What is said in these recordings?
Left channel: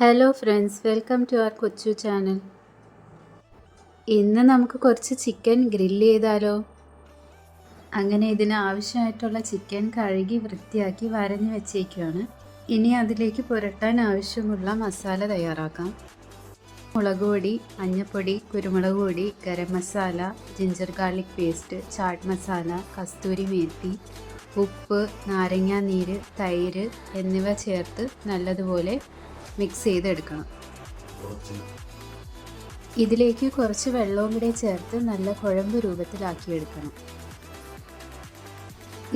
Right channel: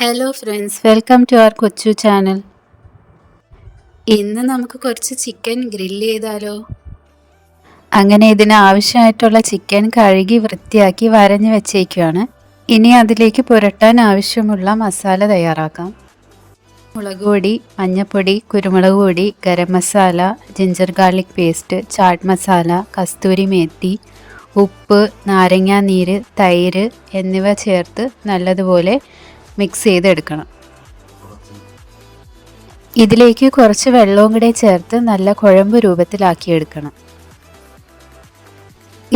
Hello friends, welcome to our കൊച്ചു channel. ഇന്ന് നമുക്ക് കുറച്ച് ചിക്കൻ ഗ്രില്ല് ചെയ്താലോ? അങ്ങനെ ഇതിന് ആവശ്യമായിട്ടുള്ള ചിക്കൻ കഴുകി വൃത്തിയാക്കി വരഞ്ഞ് വെച്ചേക്കുകയാണ്. ഇനി അതിലേക്ക് പുരട്ടാൻ ആവശ്യമുള്ള മസാല തയ്യാറാക്കാം. മുളക് പൊടി, മഞ്ഞൾപ്പൊടി, കുരുമുളക് പൊടി, garam masala, ginger garlic paste, chaat masala, kasuri methi, ഉപ്പ്, നാരങ്ങാനീര്, തൈര് എന്നിവ ചേർത്ത് നല്ലതുപോലെ മിക്സ് ചെയ്തെടുക്കണം. ഇതിലേക്ക് കുറച്ച് വെള്ളവും കൂടെ ചേർത്ത് നല്ല കുഴമ്പ് രൂപത്തിലാക്കിയെടുക്കണം.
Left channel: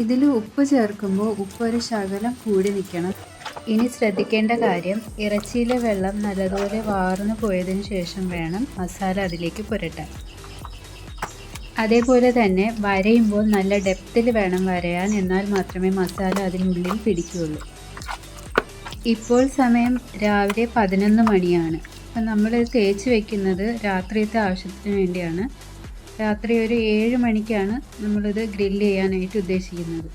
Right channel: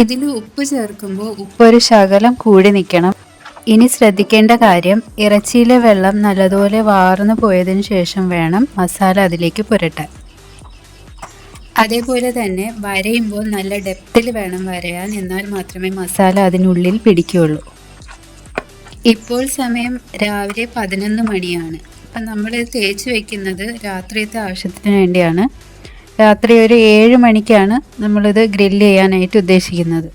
ഇതിൽ ഉപ്പ് ചേർക്കുമ്പോൾ ഉപ്പൊരു ശകലം കൂടി നിൽക്കണം. ഇനി ശ്രദ്ധിക്കേണ്ട കാര്യം, ഇറച്ചിയിലെ വെള്ളം നല്ലതുപോലെ വാർന്നു പോയതിനു ശേഷം വേണം മസാല അതിലേക്ക് പുരട്ടാൻ. അതേപോലെ തന്നെ വരയുമ്പോൾ നല്ല ഡെപ്തിൽ വേണം വരയാൻ, എന്നാൽ മാത്രമേ മസാല അതിനുള്ളിൽ പിടിക്കുകയുള്ളൂ. ഇപ്പോൾ സമയം രാവിലെ 11 മണിയാണ്. അപ്പം നമ്മൾ തേച്ച് വയ്ക്കുന്നത് രാത്രിയത്തെ ആവശ്യത്തിന് വേണ്ടിയാണ്. രാത്രി ഒരു 7 മണിക്കാണ് നമ്മളിത് ഗ്രില്ല് ചെയ്യാനായിട്ട് ഉദ്ദേശിക്കുന്നത്.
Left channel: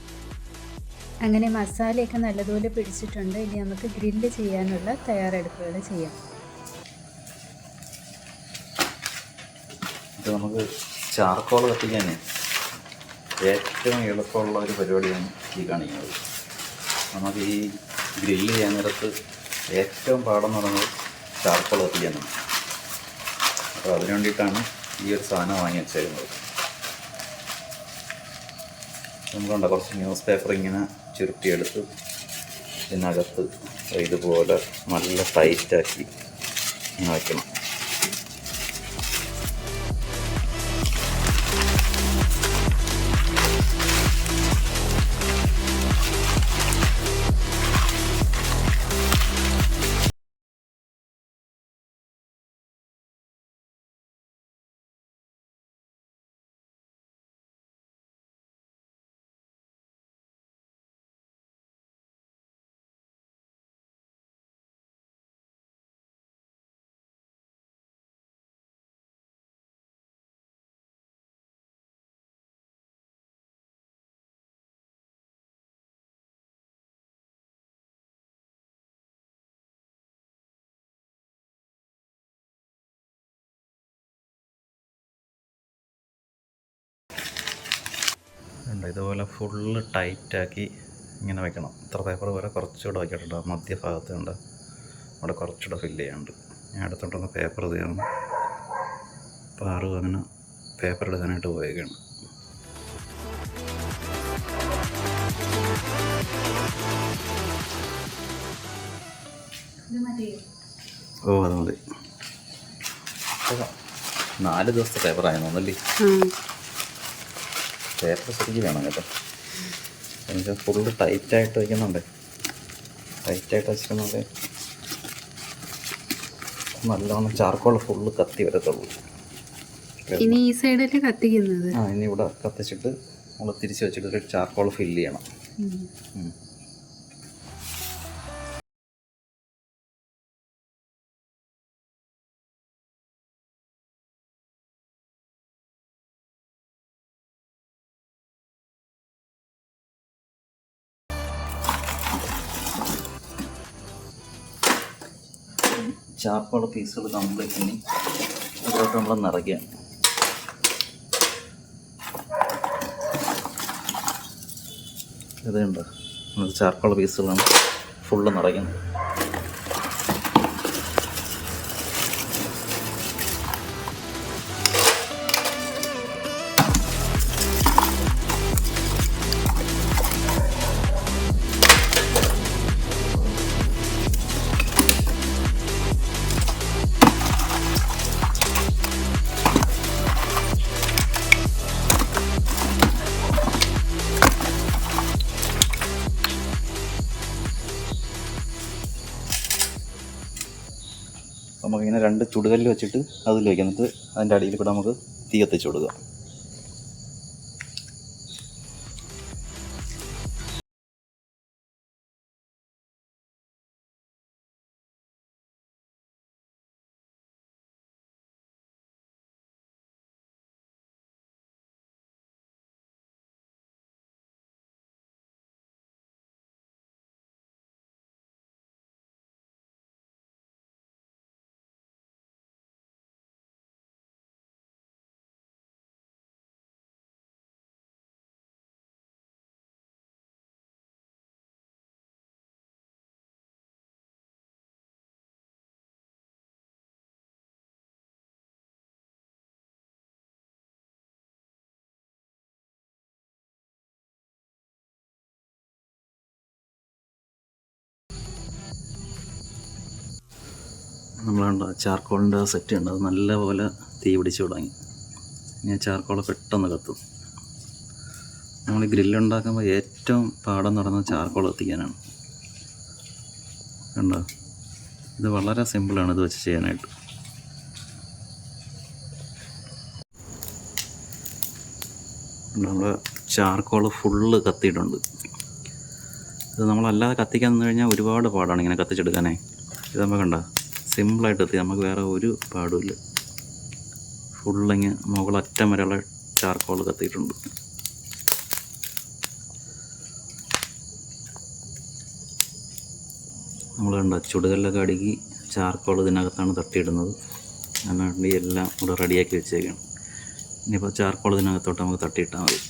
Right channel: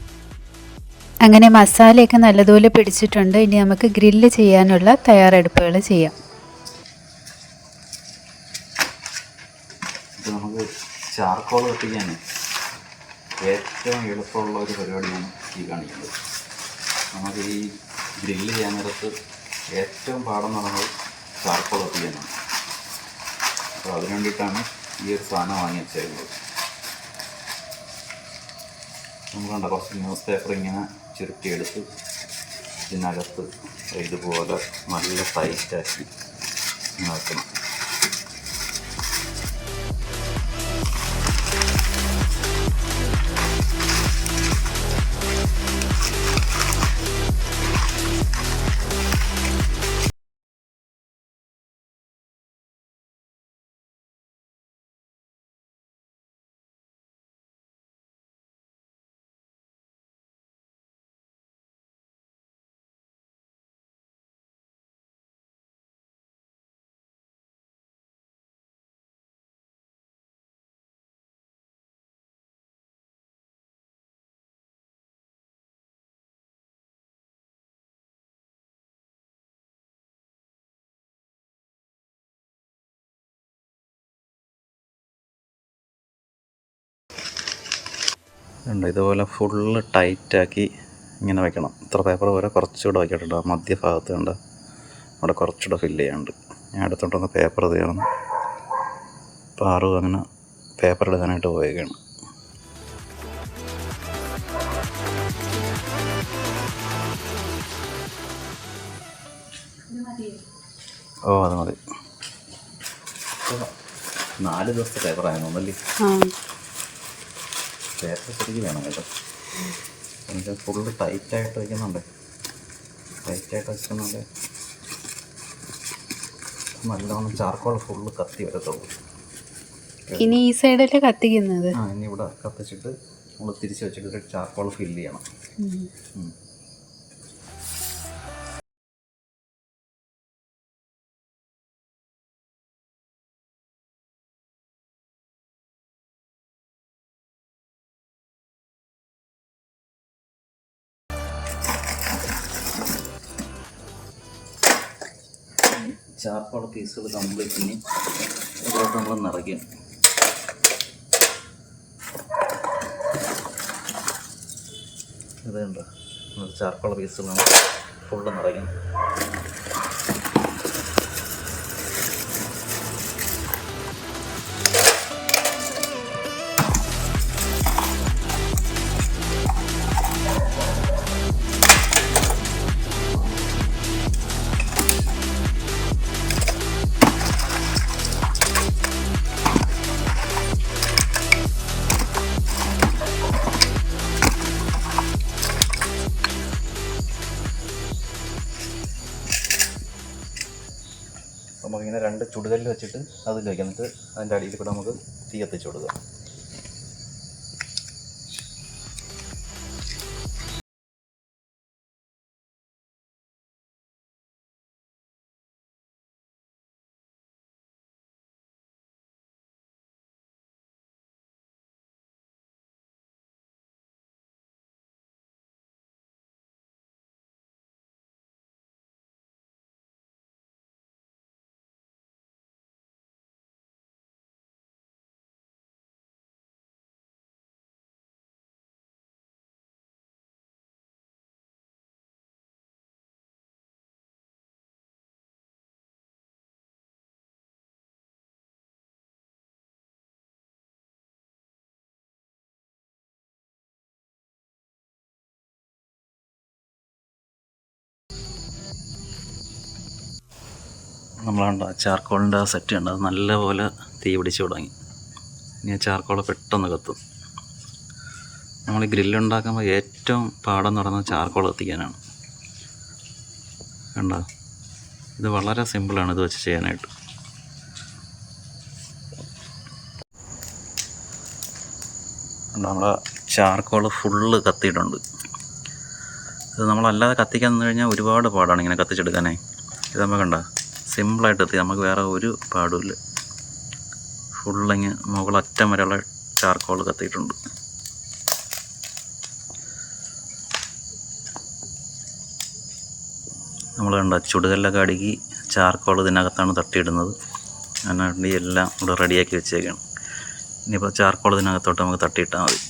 അങ്ങനെ മസാലയൊക്കെ നല്ലതുപോലെ പിടിച്ചിട്ടുണ്ട്. ഇനി നമുക്ക് ഗ്രില്ല് ചെയ്യാനുള്ള തയ്യാറെടുപ്പുകൾ ചെയ്യാം. നമുക്ക് ചാർക്കോൾ കത്തിക്കാൻ ഏറ്റവും എളുപ്പമുള്ള ഒരു പരിപാടിയാണ് ഈ കാണിക്കുന്നത്. നമുക്ക് ഈ ഗ്രില്ല് ചെയ്യാൻ നേരത്ത് ഏറ്റവും പാടെന്ന് പറയുന്നത് ചാർക്കോൾ കത്തിക്കാനാണ്. അപ്പോൾ അതിന് വേണ്ടിയിട്ടാണ് ഈ ഒരു സാധനം വാങ്ങി വെച്ചിരുന്നത്. നമ്മളുണ്ട് കുറച്ച് ന്യൂസ് പേപ്പർ ഇങ്ങനെ ചുരുട്ടിയെടുത്ത് ഇതിനകത്ത് ഇതുപോലെ നല്ല ടൈറ്റാക്കി വയ്ക്കണം. ഇതുപോലെ ഫുള്ള് ടൈറ്റാക്കി ഇങ്ങനെ വയ്ക്കണം. ഇത്ര പേപ്പർ പോലെ കുറച്ചുകൂടെ വയ്ക്കിട്ടുണ്ട്. മധ്യഭാഗത്ത് കണ്ട് അവിടെ കുറച്ചുകൂടെ ഫില്ല് ചെയ്യാനുണ്ട്. ഞാൻ അടുത്തോട്ടൊന്ന് പേപ്പർ ചെയ്യണം. പാറു അങ്ങനെ പേപ്പർ എടുക്കാനായിട്ട് പോയേക്കാണ്. ഓ അത് മതി. 4 ദിവസത്തെ പേപ്പറായിരുന്നല്ലേ? പേപ്പർ ശരിക്കും വേണം കേട്ടോ. എനിക്ക് ഫുള്ള് ടൈറ്റായിട്ട് വയ്ക്കുന്നുണ്ട്. ടൈറ്റായിട്ട് വെച്ചിരുന്നത് നല്ലോണം ചാർക്കോൾ ഫുള്ള് കത്തി വരത്തുള്ളൂ. ഇനി ഈ സൈഡല്ലേ കത്തിക്കുന്നത്? ഇനി ഇവിടെ കത്തിച്ചിട്ട് നമ്മൾ തിരിച്ച് വെച്ചിട്ട് ചാർക്കോൾ ഫില്ല് ചെയ്യണം. ചാർക്കോൾ പീസുകൾ കംപ്ലീറ്റ് ഇനി ഇതിലോട്ട് നമ്മൾ നിറയ്ക്കുകയാണ്. ഇതുണ്ട് നമ്മൾ ചാർക്കോൾ പീസുകളാണ് ഫുള്ള് നിറയ്ക്കുന്നത്. നമുക്കിങ്ങനെ 2 ചുടുകല്ല് വെച്ചിട്ട് അതിൽ വയ്ക്കാം. എന്നിട്ട് അതിൻ്റെ അടിയിൽ കൂടെ നമുക്ക് തീ കത്തിച്ച് കൊടുക്കാം. നമ്മളാണ്ട് ചാർക്കോളിൻ്റെ സെറ്റ് ഉണ്ട്, അത് നല്ലപോലെ തീ പിടിച്ച് തുടങ്ങി. ഇനി ആ ചാർക്കോൾ പെട്ടെന്ന് കത്തും. നമ്മൾ ഗ്രില്ലുണ്ടാക്കുമ്പോൾ ഏറ്റവും പാടെന്ന് പറയുന്നത് ചാർക്കോൾ കത്തിക്കാനാണ്. കണ്ടോ, ഇത് വളരെ സിമ്പിളാണ് ഇത് വെച്ച് ചെയ്യാനായിട്ട്. നമ്മുടെ ചാർക്കോൾ ഫുള്ള് കത്തിയിട്ടുണ്ട്. ഇത് നമ്മളല്ലാതെ കത്തിക്കാൻ നിന്ന് കഴിഞ്ഞാൽ ഒരുപാട് പാടാണ് ഇങ്ങനെ കത്തിച്ചെടുക്കാനേ. ഇത് നമുക്ക് കണ്ടോ സിമ്പിളായിട്ട് എത്തി, നമുക്ക് വേറെ ഒരു പാടുമില്ല. ഫുള്ളിങ്ങ് മുകളറ്റം വരെയുള്ള ചാർക്കോൾ കത്തിയിട്ടുണ്ട്. നമ്മൾ കണ്ട ചുടുകല്ലൊക്കെ അടുക്കി ചാർക്കോൾ ഇതിനകത്താണ് തട്ടിയിടുന്നത്. അതിനുവേണ്ടി എല്ലാം ഇവിടെ റെഡിയാക്കി വെച്ചേക്കാണ്. ഇനിയിപ്പോൾ ചാർക്കോൾ ഇതിനകത്തോട്ട് നമുക്ക് തട്ടിയിട്ടാൽ മതി.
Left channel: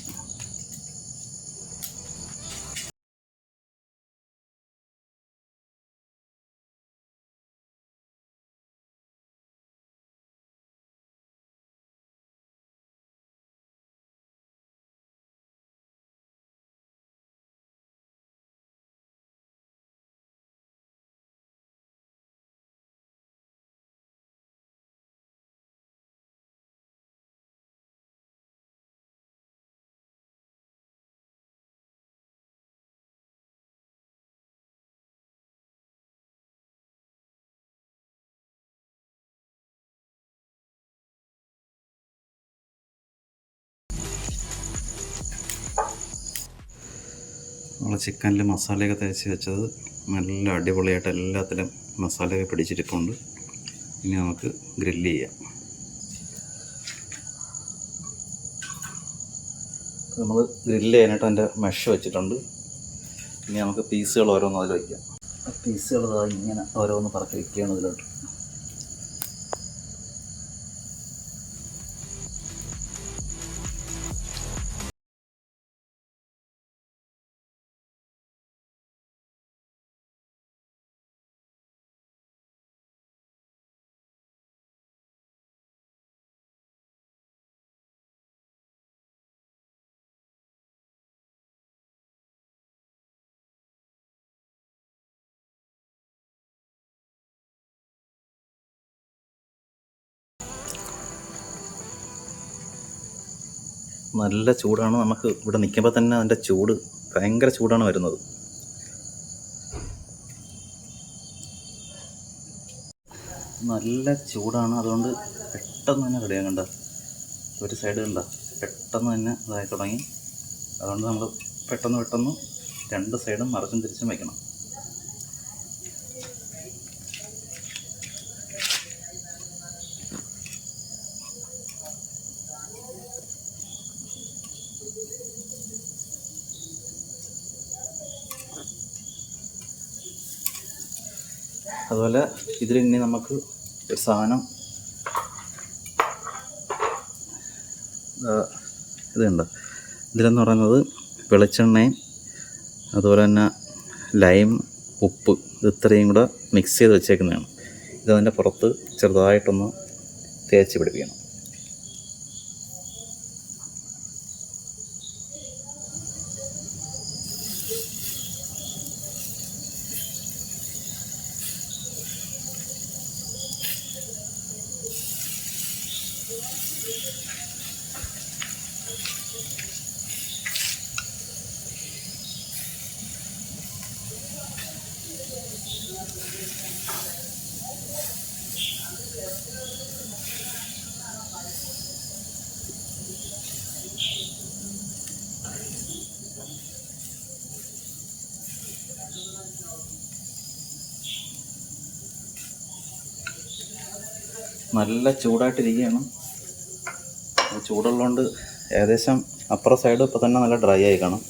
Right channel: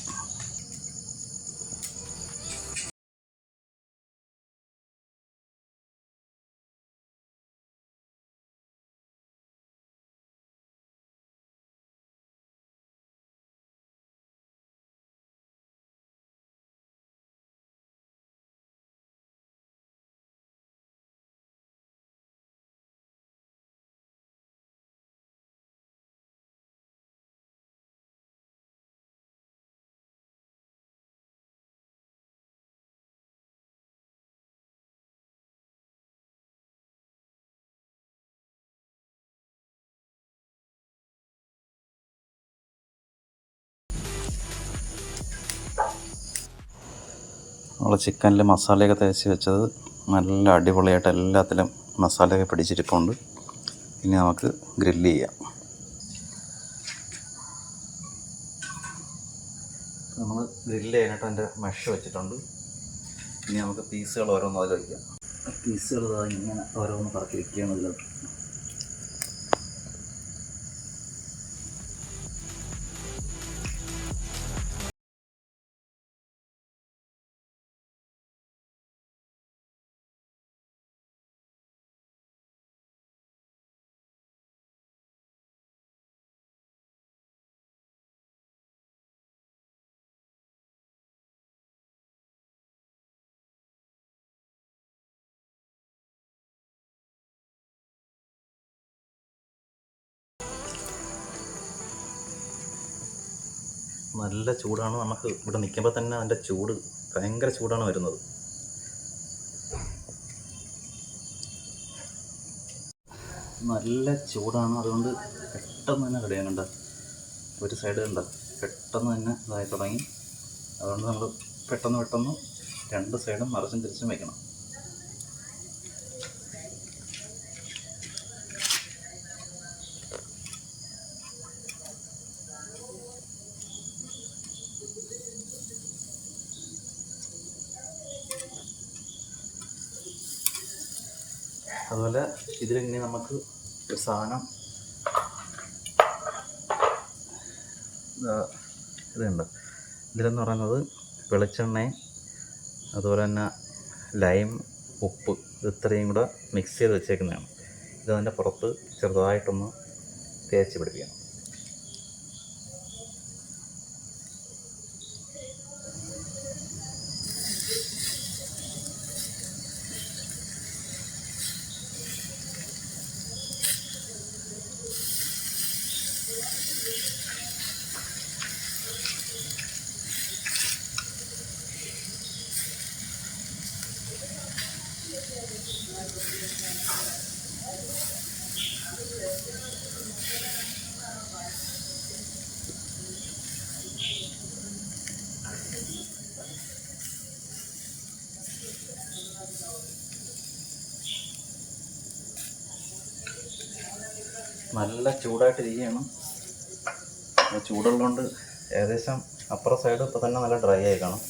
നമ്മൾ ചിക്കനിൽ മസാലയൊക്കെ തേച്ച് വെച്ചത് നല്ല അടിപൊളിയായിട്ട് എല്ലാത്തിലും മസാലയൊക്കെ പിടിച്ചിരിപ്പുണ്ട്. ഇനി നമുക്ക് ഗ്രില്ല് ചെയ്യാം. നമ്മൾ ഗ്രില്ല് ചെയ്യാനായിട്ട് അതിൻ്റെ മെഷ് വെച്ചിട്ടുണ്ട്. ഇനി നമുക്ക് പീസുകൾ ഓരോന്ന് അതിൽ വയ്ക്കാം. പീസുകൾ ഇങ്ങനെ ഓരോന്ന് പറക്കി വയ്ക്കുകയാണ് ഇതിലോട്ട്. നല്ല ചൂടാണ്. നമുക്ക് ഇവിടെ നിൽക്കുമ്പോൾ തന്നെ അതിൻ്റെ ചൂട് ഭയങ്കര ചൂടാണ് വരുന്നത്. നല്ല ചൂടാണ്, അതുകൊണ്ട് പെട്ടെന്ന് തന്നെ റെഡിയാകും. കണ്ട ഒരു സൈഡ് കണ്ട പെട്ടെന്ന് തന്നെ ഇതായി തുടങ്ങി. അതുകൊണ്ട് നമ്മൾ പെട്ടെന്ന് രണ്ട് സൈഡും മറിച്ചും തിരിച്ചും വയ്ക്കണം. അതുപോലെ ഇതിൽ ഇനി നമുക്ക് ഒരു സാധനം ഇതുണ്ട്. ഇതിലെന്ന് പറയുന്നത് വെളിച്ചെണ്ണയും അതുപോലെ തന്നെ ലൈം, ഉപ്പ്, ഇത് ഇത്രയും കൂടെ മിക്സ് ചെയ്ത് വെച്ചേക്കുന്നതാണ്. ഇതതിൻ്റെ പുറത്ത് ചെറുതായിട്ടൊന്ന് തേച്ച് പിടിപ്പിക്കണം. നല്ല ചൂടായിട്ടിരിക്കുകയാണ്. ചൂടുള്ളതുകൊണ്ട് ഏകദേശം അപ്പുറ സൈഡ് ഇപ്പോൾ തന്നെ നല്ല ഡ്രൈ ആയി കാണും.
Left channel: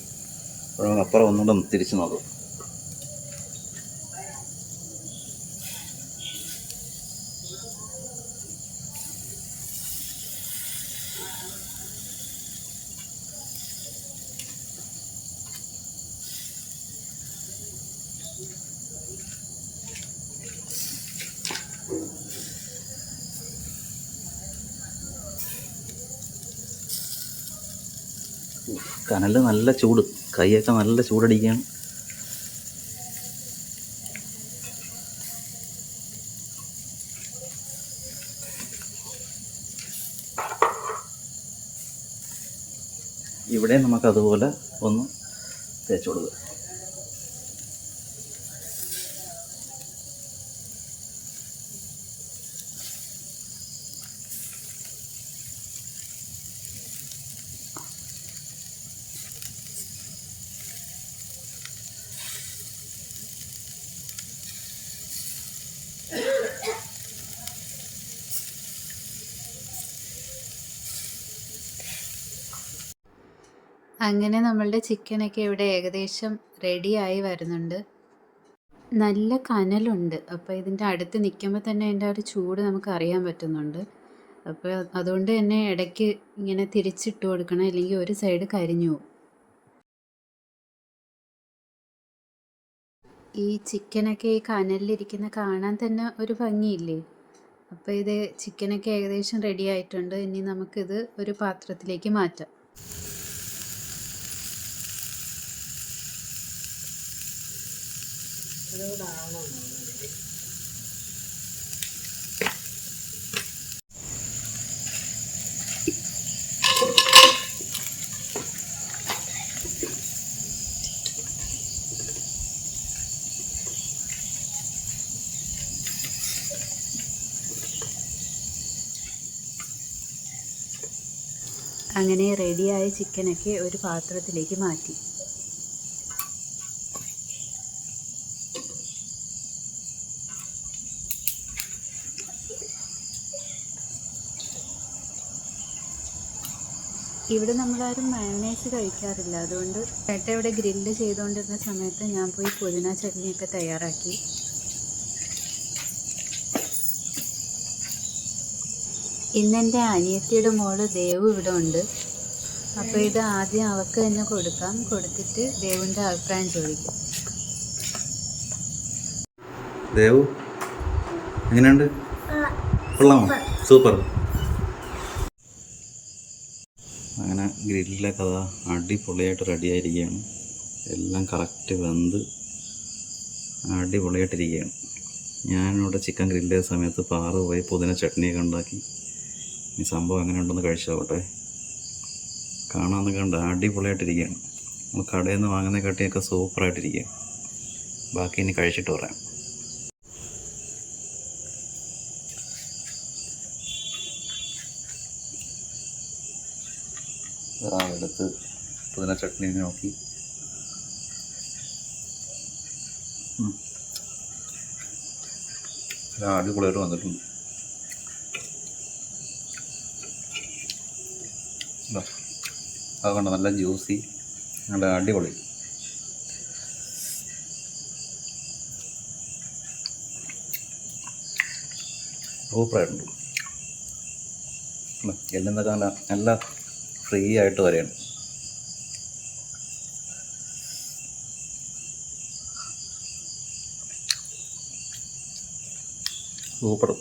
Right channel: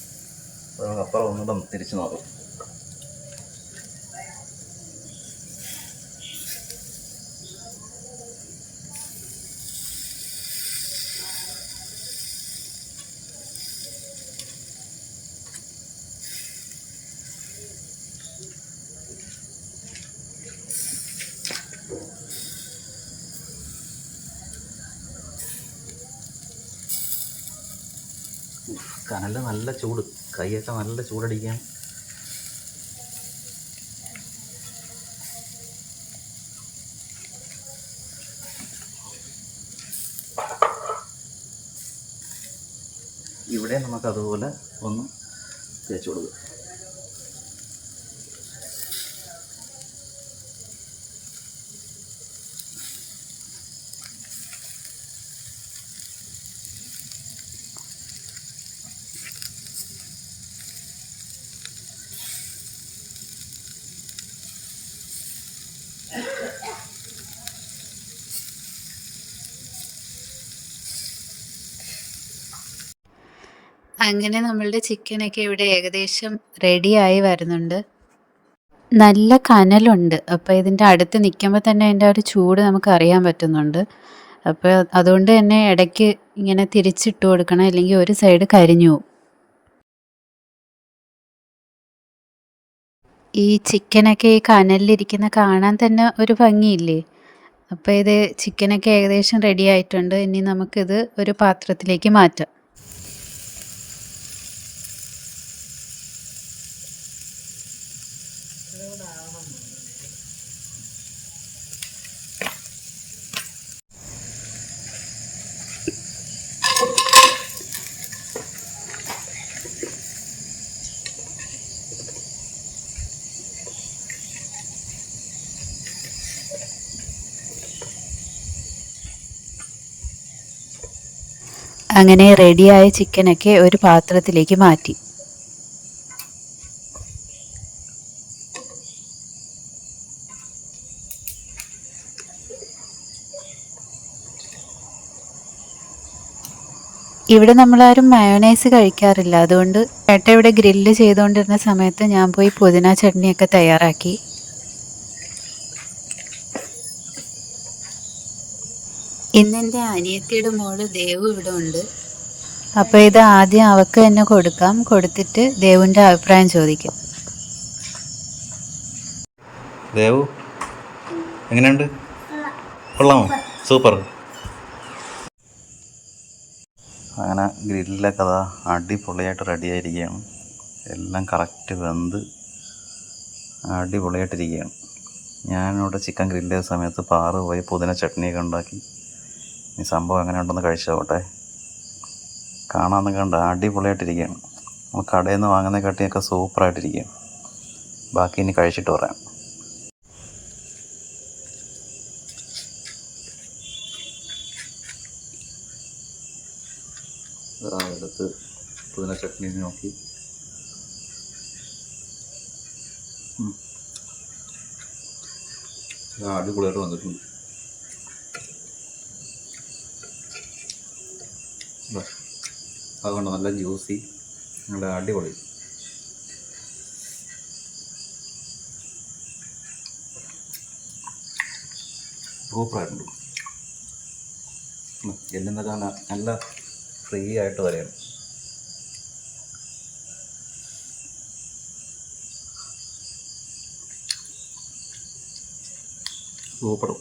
അപ്പോൾ നമുക്ക് അപ്പുറം ഒന്നുകൂടെ തിരിച്ച് നോക്കാം. കനൽ നല്ല ചൂട്, കൈയൊക്കെ നല്ല ചൂടടിക്കുകയാണ്. ഇവിടെ നമുക്കതുപോലെ ഒന്ന് തേച്ച് കൊടുക്കുക. അങ്ങനെ നമ്മളുടെ ചിക്കനൊക്കെ ഇവിടെ ഏകദേശം റെഡിയായി വരുന്നുണ്ട്. നല്ല കനലുണ്ട്. അപ്പോൾ ഇതിൻ്റെ അടുത്ത് നിൽക്കുമ്പോൾ തന്നെ അതിൻ്റെ ഒരു ചൂട് നമുക്ക് അറിയാൻ പറ്റുന്നുണ്ട്. അപ്പോൾ അതുകൊണ്ട് തന്നെ ഇടയ്ക്ക് ഇങ്ങനെ തിരിച്ചിട്ട് കൊടുക്കണം, അല്ലെങ്കിൽ ഒരു സൈഡ് കരിഞ്ഞു പോകും. ഈ ചിക്കനൊക്കെ ഈ കനലിലിരിക്കുന്ന കാണാൻ തന്നെ ഒരു ഭംഗിയില്ലേ? അപ്പോൾ ഇത് ചിക്കനൊക്കെ ഏകദേശം റെഡി ആയിട്ടുണ്ട്. ഇനി നമുക്കിത് ഒരു പാത്രത്തിലേക്ക് മാറ്റാം. അങ്ങനെ റെഡിയായ ചിക്കനൊക്കെ ഒരു പാത്രത്തിലേക്ക് മാറ്റി. ഇവിടെ നമ്മളാരും മയോണൈസ് കഴിക്കാറില്ല. അതുകൊണ്ട് ചേട്ടൻ ഇവിടെ ഗ്രില്ല് ചെയ്തുകൊണ്ടിരുന്ന സമയത്ത് ഞാൻ പോയി പുതിന ചട്നിയൊക്കെ തയ്യാറാക്കി. ഇന്നെൻ്റെ അനിയത്തിയുടെ മോള് ദേവു ഇവിടെ ഉണ്ട്. അപ്പോൾ ഇത് ആദ്യം അവൾക്ക് തന്നെ കൊടുക്കാം. കൊടുത്തിട്ട് ദേവുവിൻ്റെ അഭിപ്രായം ചോദിക്കാം. ദേവു, എങ്ങനെയുണ്ട്? കൊള്ളാമോ? സൂപ്പർ. അങ്ങനെ ഗ്രില്ലൊക്കെ അതാ അടിപൊളിയായിട്ട് റെഡിയായിരിക്കുകയാണ്. എല്ലാം കറക്റ്റ് വെന്ത് അടിപൊളിയായിട്ടിരിക്കുകയാണ്. ഞാനിവിടെ ചിക്കൻ ഗ്രില്ല് ചെയ്ത സമയത്ത് പാറ് പോയി പുതിന ചട്നിയൊക്കെ ഉണ്ടാക്കി. ഈ സംഭവം എങ്ങനെ ഉണ്ടെന്ന് കഴിച്ചോട്ടെ. കാണാമെന്ന് കണ്ട അടിപൊളിയായിട്ടിരിക്കുകയാണ്. നമ്മൾ കടയിൽ നിന്ന് വാങ്ങുന്ന കട്ടിയൊക്കെ സൂപ്പറായിട്ടിരിക്കുകയാണ്. ബാക്കി ഇനി കഴിച്ചിട്ട് പറയാം. എടുത്ത് പുതിന ചട്നി നോക്കി അടിപൊളിയായിട്ട് വന്നിട്ടുണ്ട്. അതുകൊണ്ട് നല്ല ജ്യൂസി, നല്ല അടിപൊളി. സൂപ്പറായിട്ടുണ്ട്. എന്നൊക്കെ നല്ല ഫ്രീ ആയിട്ട് വരെയാണ്. സൂപ്പറും.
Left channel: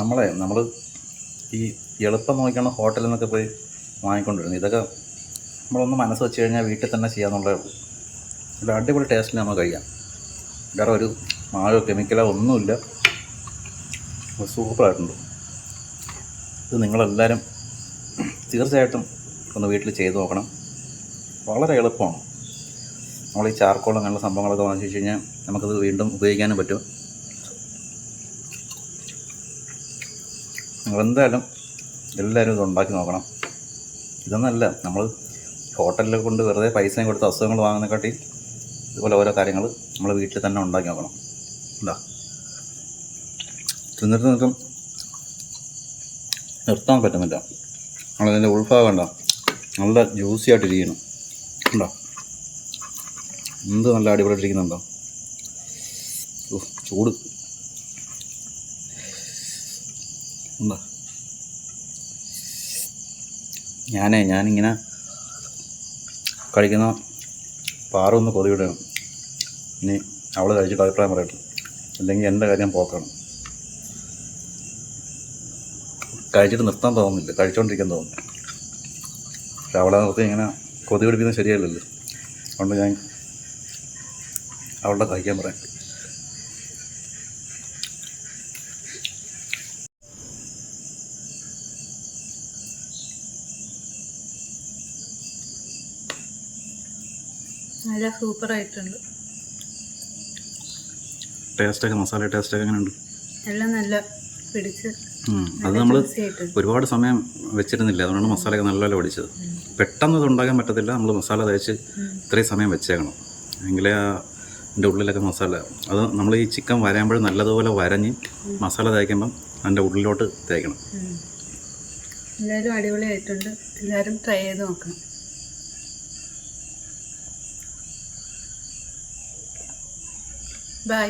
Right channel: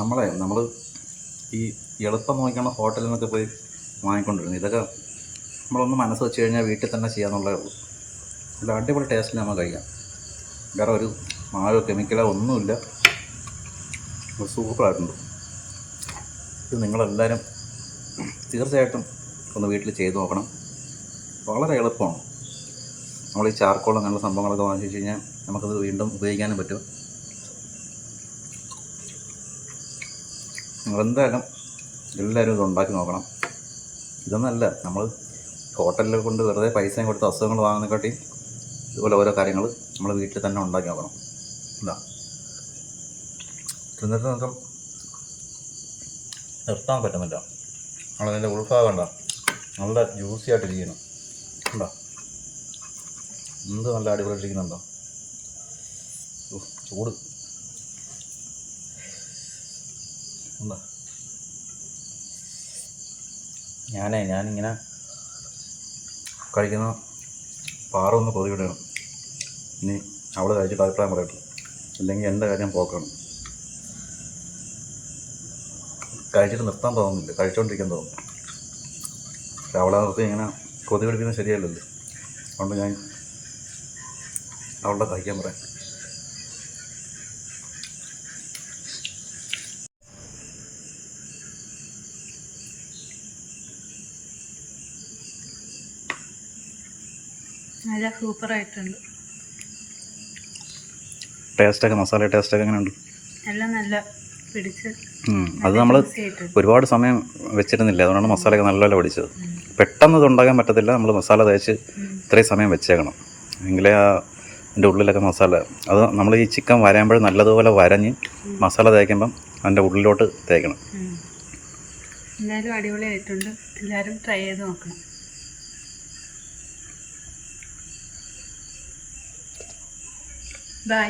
നമ്മൾ ഈ എളുപ്പം നോക്കിയാണ് ഹോട്ടലിൽ നിന്നൊക്കെ പോയി വാങ്ങിക്കൊണ്ടിരുന്നത്. ഇതൊക്കെ നമ്മളൊന്ന് മനസ്സ് വെച്ച് കഴിഞ്ഞാൽ വീട്ടിൽ തന്നെ ചെയ്യാമെന്നുള്ളതേ ഉള്ളൂ. നല്ല അടിപൊളി ടേസ്റ്റിന് നമുക്ക് കഴിക്കാം. വേറെ ഒരു മായോ കെമിക്കലോ ഒന്നുമില്ല. സൂപ്പറായിട്ടുണ്ട്. ഇത് നിങ്ങളെല്ലാവരും തീർച്ചയായിട്ടും ഒന്ന് വീട്ടിൽ ചെയ്ത് നോക്കണം. വളരെ എളുപ്പമാണ്. നമ്മൾ ഈ ചാർക്കോൾ അങ്ങനെയുള്ള സംഭവങ്ങളൊക്കെ വാങ്ങിച്ചു വെച്ച് കഴിഞ്ഞാൽ നമുക്കത് വീണ്ടും ഉപയോഗിക്കാനും പറ്റും. നിങ്ങളെന്തായാലും എല്ലാവരും ഇത് ഉണ്ടാക്കി നോക്കണം. ഇതൊന്നല്ല, നമ്മൾ ഹോട്ടലിൽ കൊണ്ട് വെറുതെ പൈസയും കൊടുത്ത് അസുഖങ്ങൾ വാങ്ങുന്നതിനെക്കാട്ടി ഇതുപോലെ ഓരോ കാര്യങ്ങൾ നമ്മൾ വീട്ടിൽ തന്നെ ഉണ്ടാക്കി നോക്കണം. എന്താ തിന്നിട്ട് നിർത്താൻ പറ്റുന്നില്ല. നമ്മളതിൻ്റെ ഉൾഭാഗം ഉണ്ടോ നല്ല ജ്യൂസി ആയിട്ടിരിക്കണം. ഉണ്ടോ എന്ത് നല്ല അടിപൊളിയായിട്ടിരിക്കുന്നുണ്ടോ? ചൂട് ഉണ്ടോ? ഞാനിങ്ങനെ കഴിക്കുന്ന പാറൊന്ന് കൊതിവിടണം. ഇനി അവൾ കഴിച്ചിട്ട് അഭിപ്രായം പറയട്ടെ, അല്ലെങ്കിൽ എൻ്റെ കാര്യം പോക്കാണ്. കഴിച്ചിട്ട് നിർത്താൻ തോന്നുന്നില്ല, കഴിച്ചുകൊണ്ടിരിക്കാൻ തോന്നുന്നു. പക്ഷെ അവളെ നിർത്തി ഇങ്ങനെ കൊതി പിടിക്കുന്നത് ശരിയല്ലല്ലോ. അതുകൊണ്ട് ഞാൻ അവളുടെ കഴിക്കാൻ പറയാം. നല്ല സൂപ്പറായിട്ടുണ്ട്. ടേസ്റ്റൊക്കെ മസാല ടേസ്റ്റൊക്കെ എങ്ങനെയുണ്ട്? എല്ലാം നല്ല പിടിച്ച് അത് നമ്മൾ ആയിട്ടുണ്ട്. ഒരുപാട് സമയം വെച്ചിരുന്നില്ല, അതുകൊണ്ടാണ് മസാലയൊക്കെ നല്ലപോലെ പിടിച്ചത്. പെട്ടെന്ന് ഇത് ഉണ്ടാക്കാൻ പറ്റത്തില്ല, നമ്മൾ മസാല തേച്ച് ഇത്രയും സമയം വെച്ചേക്കണം, എങ്കിലേ അതിൻ്റെ ഉള്ളിലൊക്കെ മസാല അത് നമ്മൾ ഈ ചിക്കൻ വരയുമ്പോൾ നല്ലതുപോലെ വരഞ്ഞ് മസാല തേക്കുമ്പം അതിൻ്റെ ഉള്ളിലോട്ട് തേക്കണം. എന്തായാലും അടിപൊളിയായിട്ടുണ്ട്. എല്ലാവരും ട്രൈ ചെയ്ത് നോക്കണം. ബൈ.